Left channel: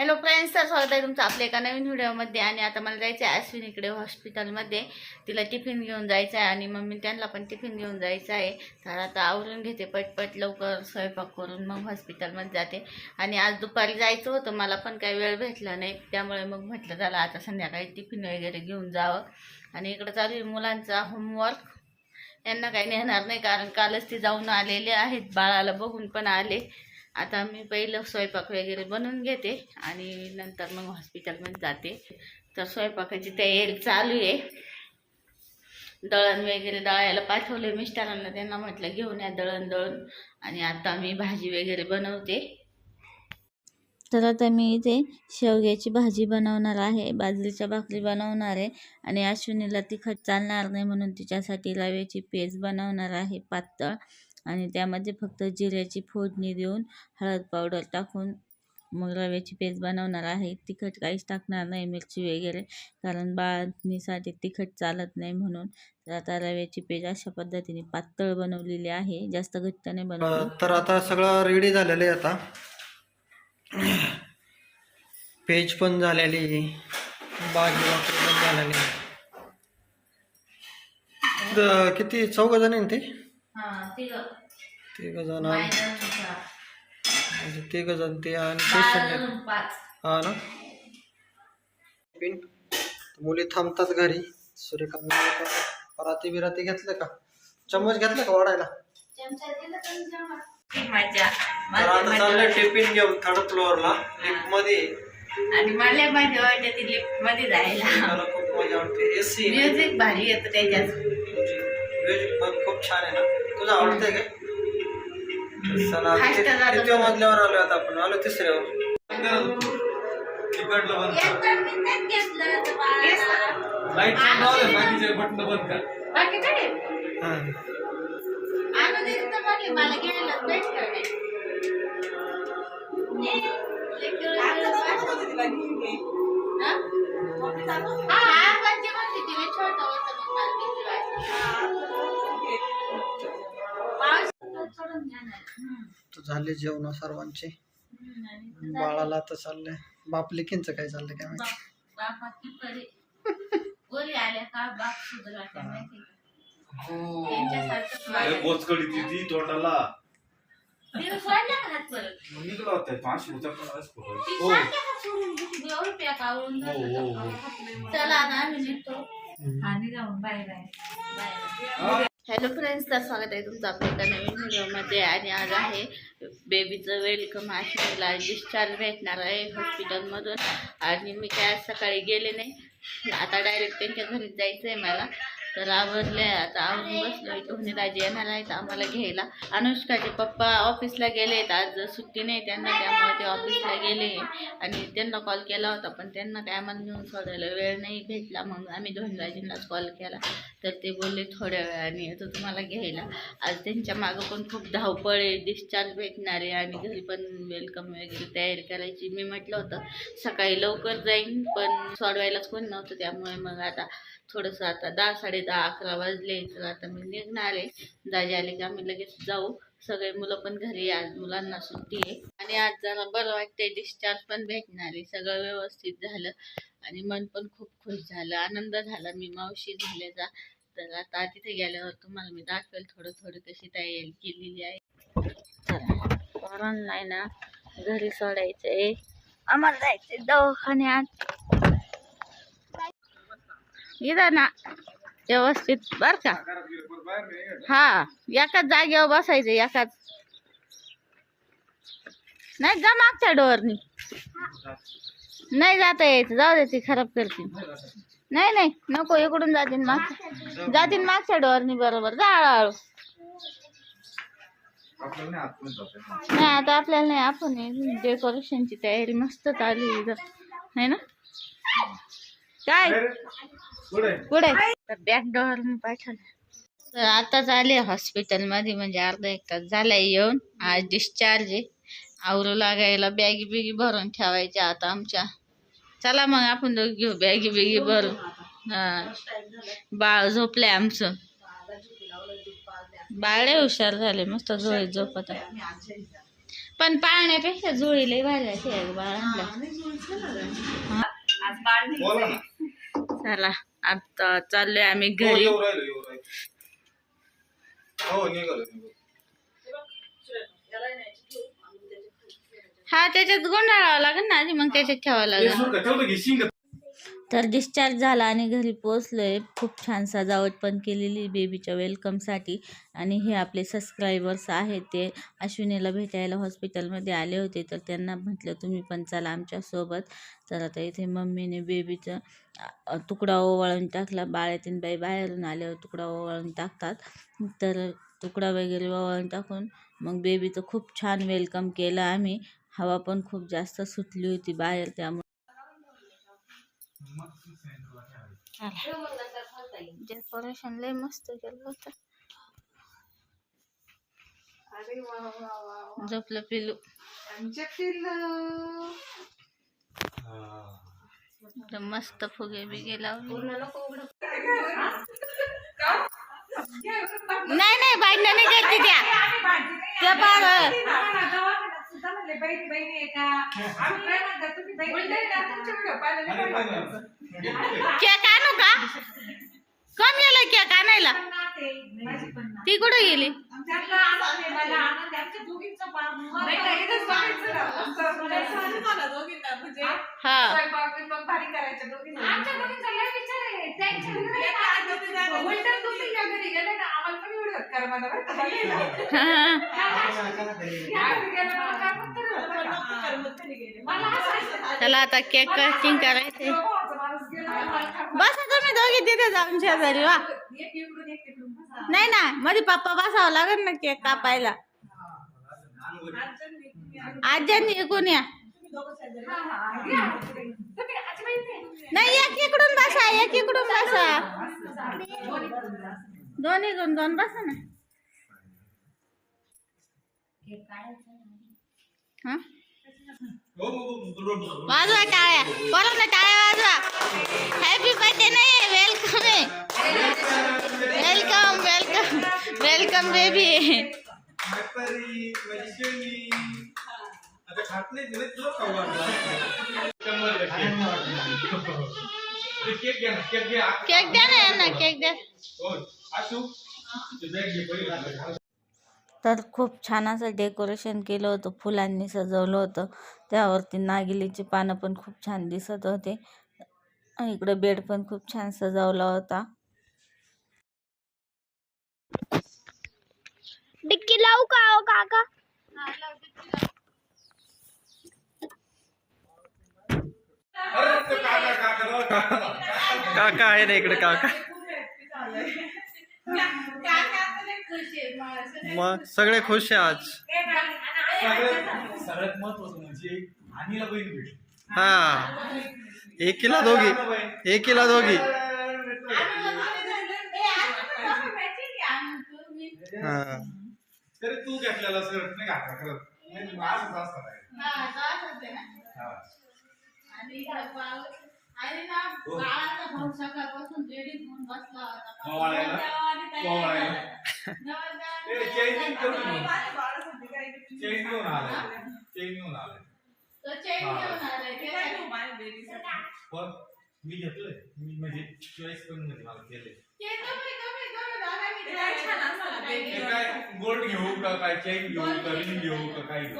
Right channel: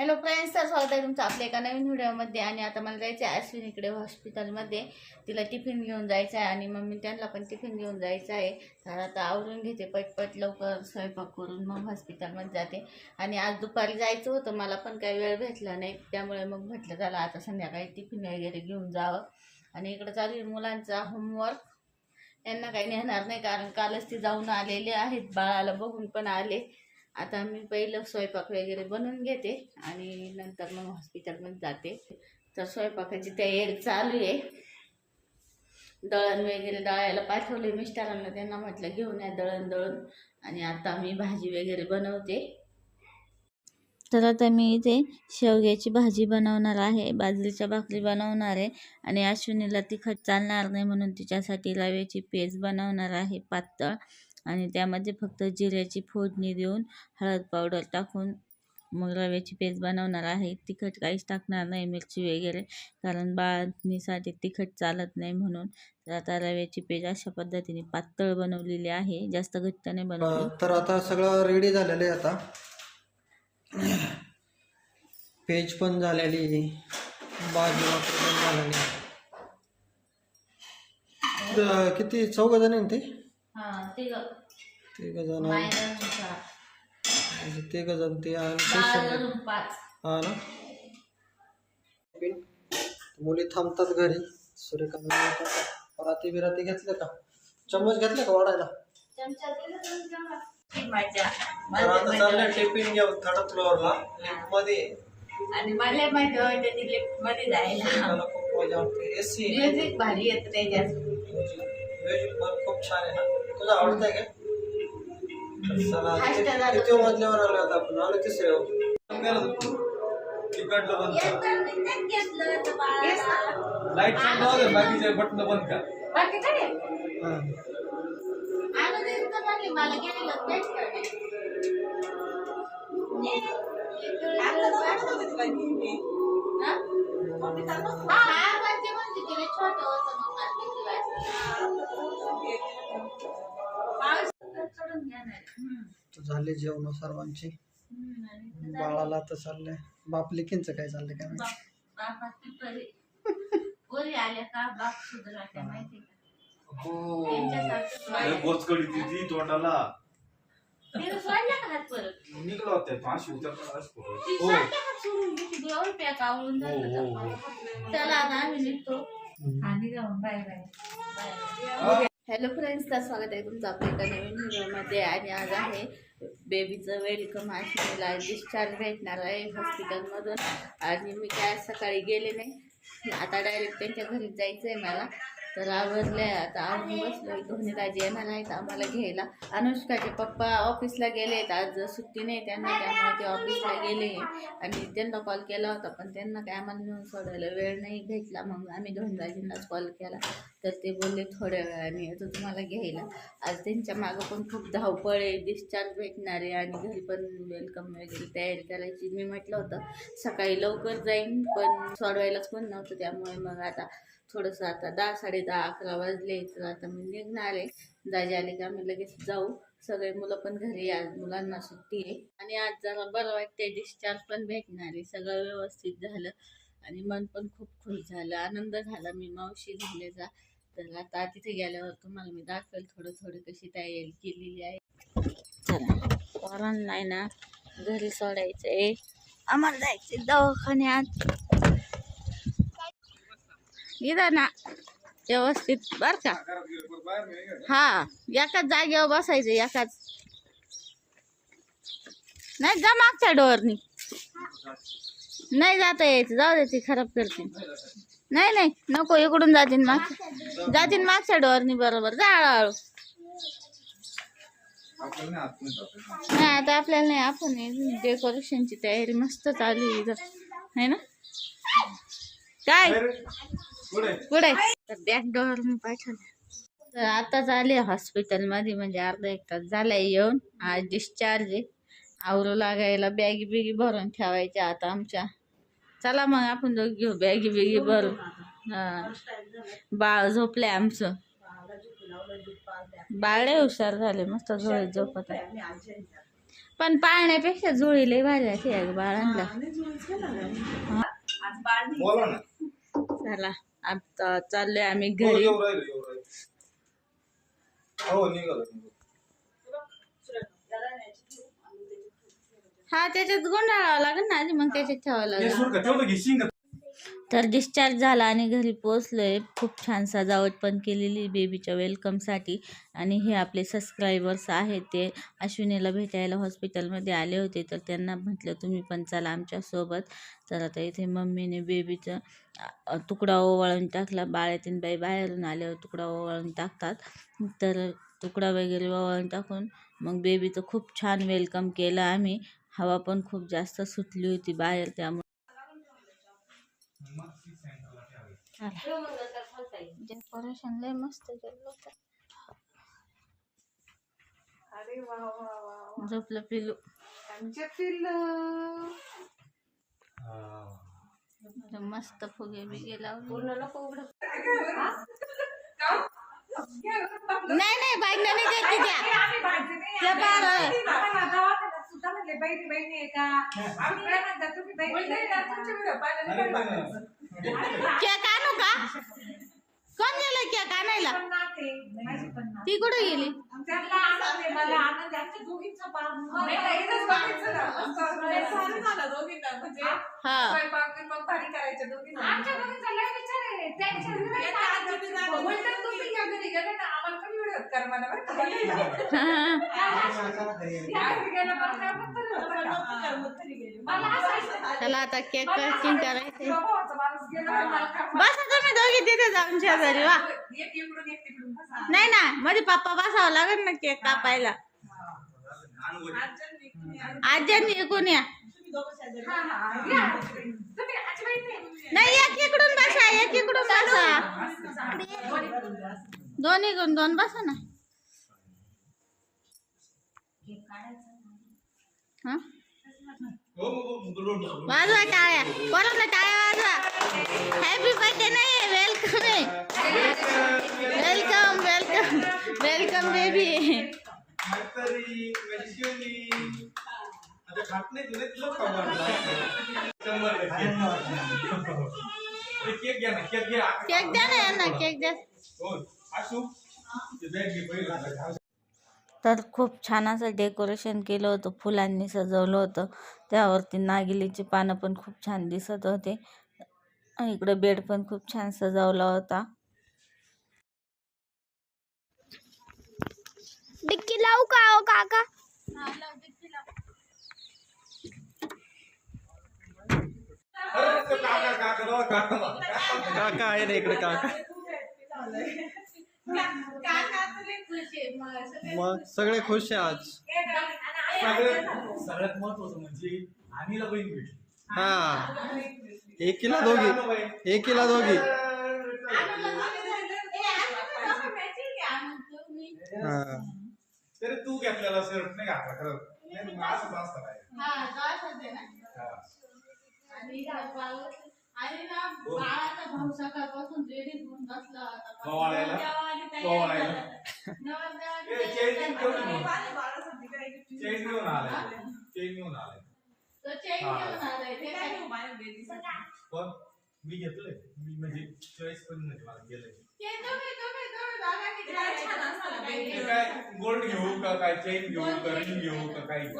Hello friends तर स्वागत आहे तुमचं आपल्या एका नवीन व्हिडिओमध्ये. आणि आता मला जायचं आहे अश्विनीकडे हॉस्पिटलमध्ये तिला टिफिन घेऊन जायचं आहे आणि मम्मी त्यांना पण टिफिन घेऊन जायचं आहे तर आता आवरून घेते पटपट लवकर स्वयंपाक करून मग हॉस्पिटलमध्ये जाते. आणि आज दुपारी जायचं होतं मला पण काही वेळ भेटला नाही. त्यामुळे मग म्हटलं झालं आता संध्याकाळी टिफिन वगैरे घेऊन जावं. आणि इकडं चालू आहे मुलांचा होमवर्क यांना काही नेणार नाही कारण कालच ते जाऊन आलेले आहेत. बाळाला बघून पण आले. आता मी पहिलं स्वयंपाक वगैरे बनवून घेते आणि नंतर मग हॉस्पिटलमध्ये जाते. तर स्वयंपाकाची तयारी चालू आहे. दळण वगैरे दळायला पाठवले मिस्टरांना. त्यांना म्हटलं घेऊन या दळण दळून. आणि आता मी भाजी वगैरे बनवते. तर आता मी इथे शेवग्याची भाजी बनवणार आहे. बाजरीच्या भाकरी बनवणार आहे. आणि अश्विनीला तिखट चालणार नाही म्हणून तिच्यासाठी रव्याची पेज बनवणार आहे पातळ. आणि त्यामध्ये फक्त जिऱ्याची फोडणी देऊन हळद पावडर टाकून मग रव्याची पेस्ट बनवणार आहे. तिखट काहीच टाकणार नाही मिरची वगैरे कारण बाळणीसाठी तिखट चालत नाही म्हणून. तर आता रव्याची पेस्ट अशा पद्धतीने पातळ बनवलेली आहे. जास्त घट्ट नाही बनवली. तर आता सगळं रेडी झालेलं आहे आता. पेज पण झालेली भाजी वापर पण झालेली किती चौघ जण ते? तिघ. जण म्हणजे तिघ जण ते आणि पेशंट पाच. हा ना? पिन मुली थांबतात घरी. सूर्यकांत पराती बिराती घेतलं का? चम्मच घेतलं का वाढायला? चमचा दिला तर आता टिफिन घेऊन थर्ड फ्लोअरला लिफ्टमध्ये. आणि मला मजा वाटते ती लिफ्टमध्ये जायला. मला खूप मजा वाटते. एसी म्युझिक भारी येतं त्याच्यात. म्युझिक पण खूप छान आहे ना. तुझं आवडतंय काय? तर चला Fast कि- जातो. किती मजल्यावर आलो आता आपण. आलो तिसऱ्यावर लाइट चालू राहू दे बाकीचे बटन बंद कर. बाकी काय? हा. हा? हा, पण तिला छोटं झाले जेवण सर्वांचे. बाळाला तर चाललंय. बाप लेकींचं काय चाललंय काय माहिती. बोचकडी तोंडाला? निघला होता. पाचशे ती हो. हो, हो. चला आता आम्ही निघतो. आणि जाऊन bye bye. Bye hello friends तर स्वागत आहे तुमचं आपल्या एका नवीन व्हिडिओमध्ये. आणि आज आहे बेबीचं वेलकम. आश्विनीला डिस्चार्ज भेटणार आहे हॉस्पिटलमधून. आणि मी काय आज सकाळी गेले नाही. आता डायरेक्ट त्यांच्या घरी जायचं आहे मला. तर आवरले. आता आवरून बसलो दोन्ही राजे येणार आहेत आम्हाला घ्यायला. अनुष्काचे पप्पा ऑफिसला गेले आहेत. आज सुट्टी नाही त्यांना त्यामुळे ते ऑफिसला गेले. आणि त्यांना कॉल केला होता पण त्यांना काय आम्हाला नेऊन सोडायला वेळ नाही भेटला. मग आम्ही धोनीराजेंनाच कॉल केला. तर ते बोलले थोड्या वेळाने येतो तुम्हाला घ्यायला. आज त्यांच्या मागं पण खूप धावपळ आहे. डिस्चार्ज भेटणार आहे आणि घरी पण वेलकम वगैरे तयारी करायची. मी म्हटलं होतं सकाळी लवकर जाईन. पण सोडवायलाच कोण नव्हतं त्यामुळे मग आता थोडंसं आता दहा साडे दहा अकरा वाजले तर आता मी निघणार आहे. दाजी आले की आम्ही लगेच जाऊ. सगळे मुलं पण घरी आज मुलांना सुट्टी आहे. आणि आज जरा बरं वाटते डिस्चार्ज पण भेटणार आहे. सगळं व्यवस्थित झालं आणि मन पण खूप खुश झालं. आनंद झाला. मी मावशी झाल्याचा. तर आता तिथे गेल्यावर तुम्हाला मी दाखवेल थोडं थोडं कशी तयारी केलेली आहे. चला पोरांना ना घरी सोडायचं आहे आम्हाला जायचं दवाखान्यात. इथं ना व्यवस्थित बर का? हा एकाच जागेवर बसायचं एकाच. नाही जा मागच्या डोअरनी. नाही जाता यायचं. जाऊ दे ती खराब करतील नाही नाही नको इकडून जातील माग जातील मागच्या डोअरनी बरोबर. जा हळूहळू. नाही आता आपल्याला नाही आपण डेकोरेशनची तयारी मस्त चालू आहे इथं. ना? काय? तर बॅक डोअर पाठवलं तर आताच आले हॉस्पिटलमध्ये म्हणजे अर्धा एक तास झालाय येऊन. आज डिस्चार्ज आहे. आवरू लागायला बॅगी बिगी भरून ठेवायच्या आता आमच्या. चला मग आपण दोघी घेऊ बॅगी बिगी भरून. हा. बाळ झोपलंय आमचं. बाळ हुशार झाले मस्त झोळीत झोपत आहे. पण पाळण्यापेक्षा जुळी लय भारी अशी आहे बाळांना आज बाळ नाही बोला ना. चला. आता चाललोय आम्ही हो, घरी. हो हा त्याच्यात गुंडाळावं लागेल ना आधी मग त्याच्यात ठेवावं लागेल. तर डिस्चार्ज झाला आणि घरी पोचलो आहे खूप छान सजावट पण केलेली बेबीच्या वेलकमसाठी आणि हे आपले सबस्क्रायबर्स आहेत ते. अश्विनीला भेटायला हॉस्पिटलमध्ये आले होते. तर त्यांना म्हटलं तुम्ही पण चला आमच्यासोबत तर आता इथे मम्मीने बेबीचं तुकडा ओवाळून टाकला. बाळ्यातीन बाई बाहेरून आल्यावर तुकडा ओवाळून टाकतात. तर तुकडा वगैरे ओवाळून टाकून मग बेबीचं खूप छान वेलकम केलं आम्ही. हवा पण खूप जास्त सुटली होती बाहेर त्यामुळे. डेकोरेशन लय मस्त केलं होतं. झोपलं पिलू. मस्त फुगे बिगे लावले. नाही नाही बाईंना नाही द्यायची त्या त्या बाळ सुद्धा म्हणले बहिणी बहिणी आहे का आम्ही काय म्हणतात तुम्ही बहिणी का? तुमचे व्हिडिओ पाहिलेले अरे बरं पण- वाटतात. केक आणू का कोण गेलं केक आणायला पण नाते, माझी पण नाते. ती कुठे गेली त्यांना आनंद आहे, मला आनंद आहे. आमच्या दोघींचं पार नाही, नाही, इथंच बघायचं ना. मला झालं दोघींना, म्हणजे हा स्वयंपाक भारी करायच्या दोघींना. आमच्या दोघींचा लय विचार आहे. त्यांच्या घरी नाही का? उलटं तुम्ही या घरी गेले ना, आम्हाला पण व्हिडिओ कर म्हणा बरं का? या घरी गेलं मला काय पण चला आता केक कटिंग करायचे बस आता मी बसा तुम्ही दोघी तिथे जाऊन शेजारी वा. नाही ना मध्ये पप्पा बसावं लागेल ना केक कापायला. आज्यांनी इकून या. नाही एक इकडून बसा एक इकडून बसा. दोन इकडून दोन बसा ना. हा हो, हो, हो, रोड, रोड. वाजवा टाळ्या परत ना टाळ्या वाजवा हॅपी बर्थडे नाही वेलकम आहे वेलकम वेलकम वेलकम बेबी म्हातारी, वैशाली. आता खात नाही तुला तुला खाऊ घालतो. शंभर टक्के. ते केक घ्या ना केक घ्या केक द्या ना यांना केक द्या तर खूप छान असं डेकोरेशन केलं होतं फुलांनी सजवलं होतं. त्यावरती नागिलीची पानं पण खूप छान दिसत होते. आणि इकडं बेड पण खूप छान सजवला होता. डिक्की लावू का हो काका. काका आहे ना इकडे काका. मग सगळे खुश आहे आज. सगळ्यात सगळ्यात महत्वाचं म्हणजे आणीला बहीण भेटली. हा. एकीला दोघी. एकीला दोघी. हा. तरी तू घेतलेला शर्ट नाही घातला खरं. नाही, मग असंच असतं बाहेर. हा. ओवाळायला? ओवाळायला? ए, चैन घेऊन ये. चैन घेऊन आलाय चैन घेऊन आलाय पण मी घेतलंय. मी म्हणजे चॉईस पण म्हणजे मला केलंय ते काय गोल्ड घेऊ का काय चैन घेऊ का रिंग घेऊ. का काय घेऊ?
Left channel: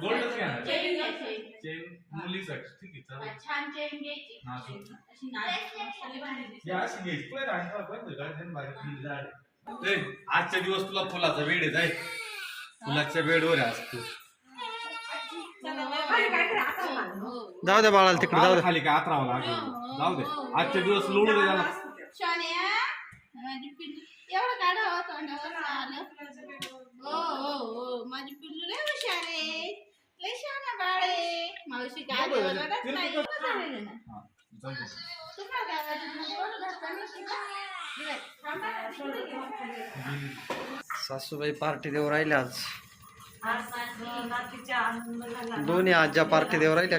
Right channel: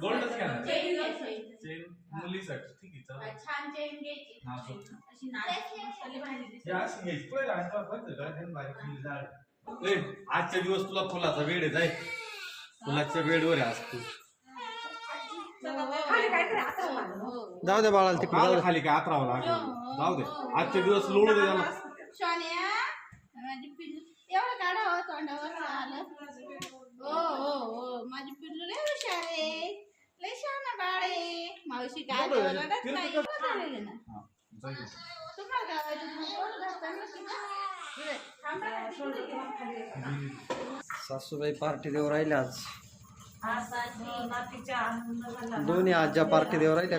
गोल्डच घ्या. ना. चैन मुलीसाठी ठीक आहे चालेल. छान चेन घ्यायची हा, so. अशी नाजूक भारी दिसते. अशी घ्यायची पण आणता पण गार्डन बाहेर ए, आजच्या दिवस तुला फुलाचा वेळ आहे जाय. फुलाच्या वेळवर आहे आज तू. खाली काहीतरी असं लागलं. जाऊ द्या बाळाला तिकडे जाऊ द्या खाली काय आतरावं लागेल. जाऊ दे. आजच्या दिवस लोळू दे त्याला माझी पिल्लू एवढं काढा हो तोंडावर आलं. हो हो हो माझी पिल्लू लय हुशार आहे लय शहाणा बाळ आहे. मावशी काय बोलतच नाही. झालेलं ना. हा. तुम्हाला काय वाटत. सासूबाई पार्टी देऊ राहिल्या आज. दोन्ही आज्या पार्टी देऊ राहिल्या.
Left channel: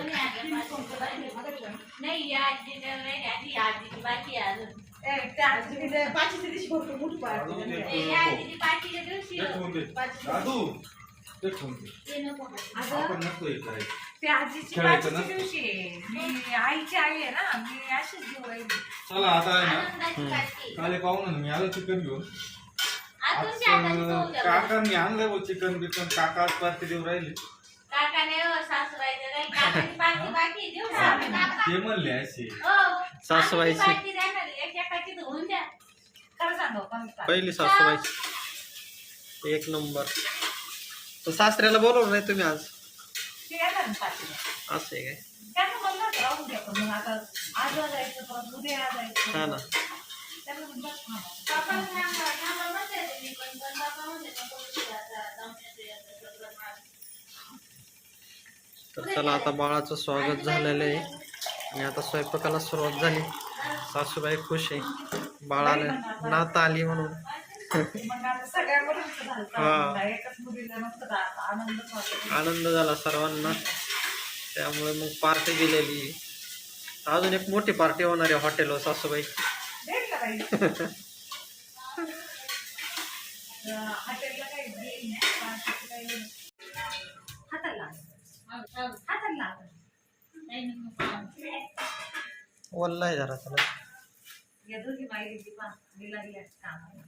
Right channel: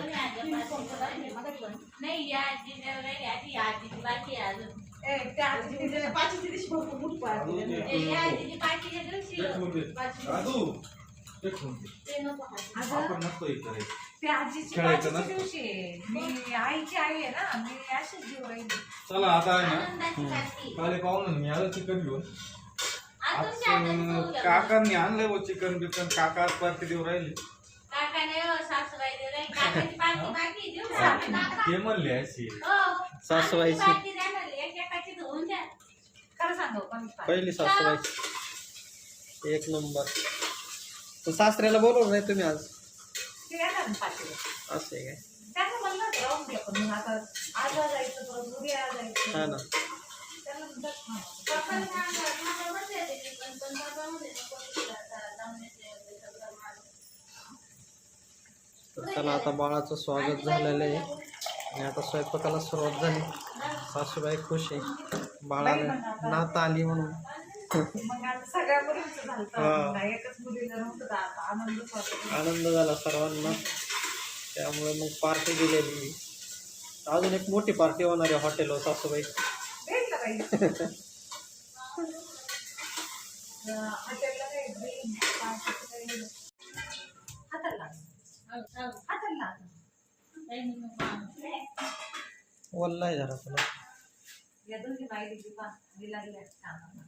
हे खेळायचं ना? मी आईची आई आहे ना मी अशीच राहिली. चला आता आहे ना. काले पाहून मी आलो चिकन घेऊन. आज अं, द्या. काकांनी आणलंय चिकन बिकन. काका आज पार्टी देऊ राहिले. व सासूबाई? काका. ते म्हणले असे हो. सासूबाईची. आमची पाठी द्या ना. एक एकाची धुवून द्या. खरं सांगू पण पहिली सासूबाई. एक नंबर. सासऱ्याला बोलवलं नाही तुम्ही आज. असं काय? हा ना. तर चला आता बाळाचं स्वागत झालेलं आहे. आणि आता स्वयंपाकाला सुरुवात झाली. सासूबाई खुश आहे. बाळाला नात आली म्हणून हा. आनंद झाला सर्वांना त्यामुळे मग पार्टी दिलेली. अजून एक मोठी पार्टी होणार आहे हॉटेलवर सासूबाई भेटलं काही हॉटेलला काही बिल, पार्टीचं काही नाही. हाताला लाग. हो, हो. हाताला लाग. नाही, नको, नको. वल्ला आहे जरा त्याला या दोघी माहिती ती पहा मी लागल्या कामाला.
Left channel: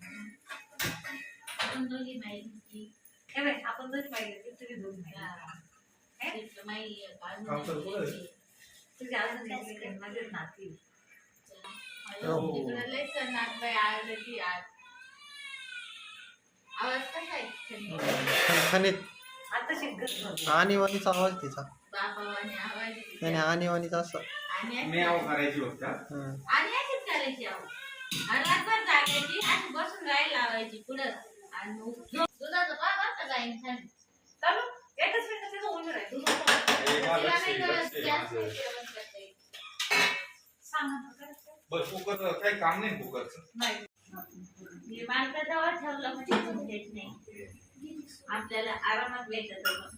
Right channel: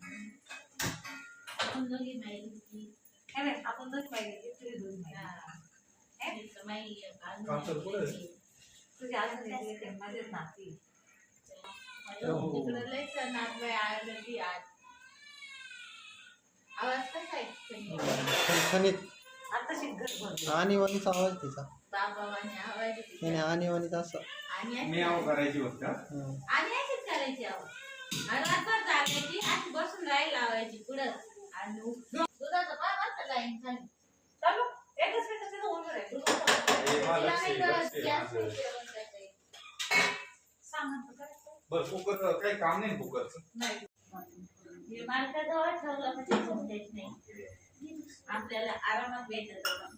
आपण दोघी होती. हे बाई, आपण दोघी तुम्ही माई काम. तुझी अजून लेकरं माझीच नाती. तिकडं आज बाई. आवाज कसा आहे तिकडे? खणखणीत आता शिकत आणीवाणीचा आवाज तिचा. आवाज नाही आणीवाणीचा असं. आणि अशी- मी आव करायची होत हं. करायची आहो. आणि रात्रभर जागायची आणि बसून राही लावायची पुढं. आणि दुधाचं पा बरं का गाईन छान चालू. एकच मिनिट तिथं उभं तिला नाही करता? बरं कुकर काही काम नाही कुकरचं? नाही. हे मालकाजवळ ठेवलं म्हणजे नाही. आपल्याला आरामात भेटत होतं.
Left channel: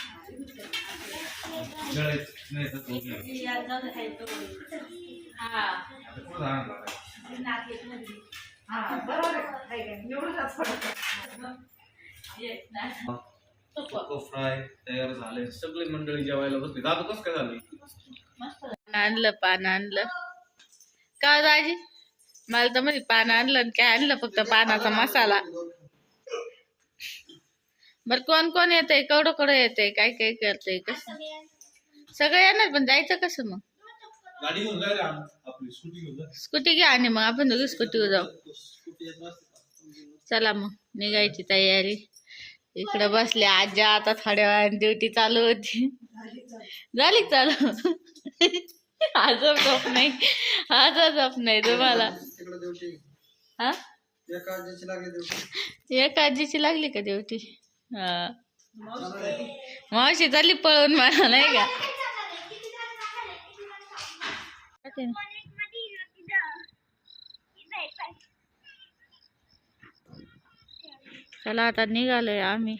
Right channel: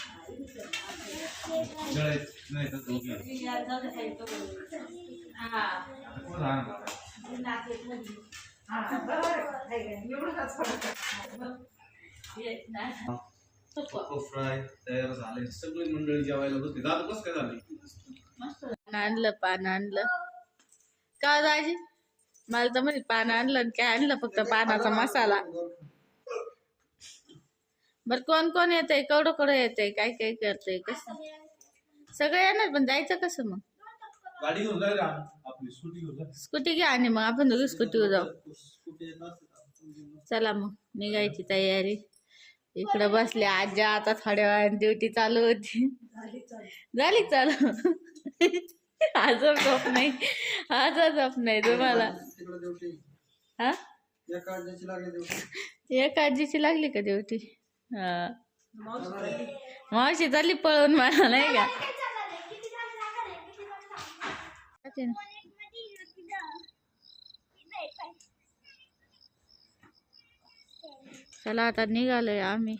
फ्राय तयार झाले सगळे मंडळी जेवायला बसली दादा कस काय झाली आणलं पान आणलं. का हो दाजी? मला तर म्हणजे पान आणलं आणि काय आणलं फक्त पानाचा मसाला. बर कोण कोण येते केवढं केवढं येते काय काय करते कस? सगळं येणार पण जायचं कसं मग? गाडी घेऊन जायला आपली स्कूटी घेऊन जा. स्कूटी घ्या आणि मग आपण दोघी स्कूटीवर जाऊ? चला मग निघायची तयारी. इकडे बसले आज्या आता थोड्या वेळाने ड्युटी चालू होती. झाली चालू. आज झोप नाही. आज झोप नाही तुम्हाला. हा? एका आजीची लागली ड्युटी एक आजीची लागली का ड्युटी हा. मावशी चालली पळून मला नाही का? चला आता निघालोय आम्ही.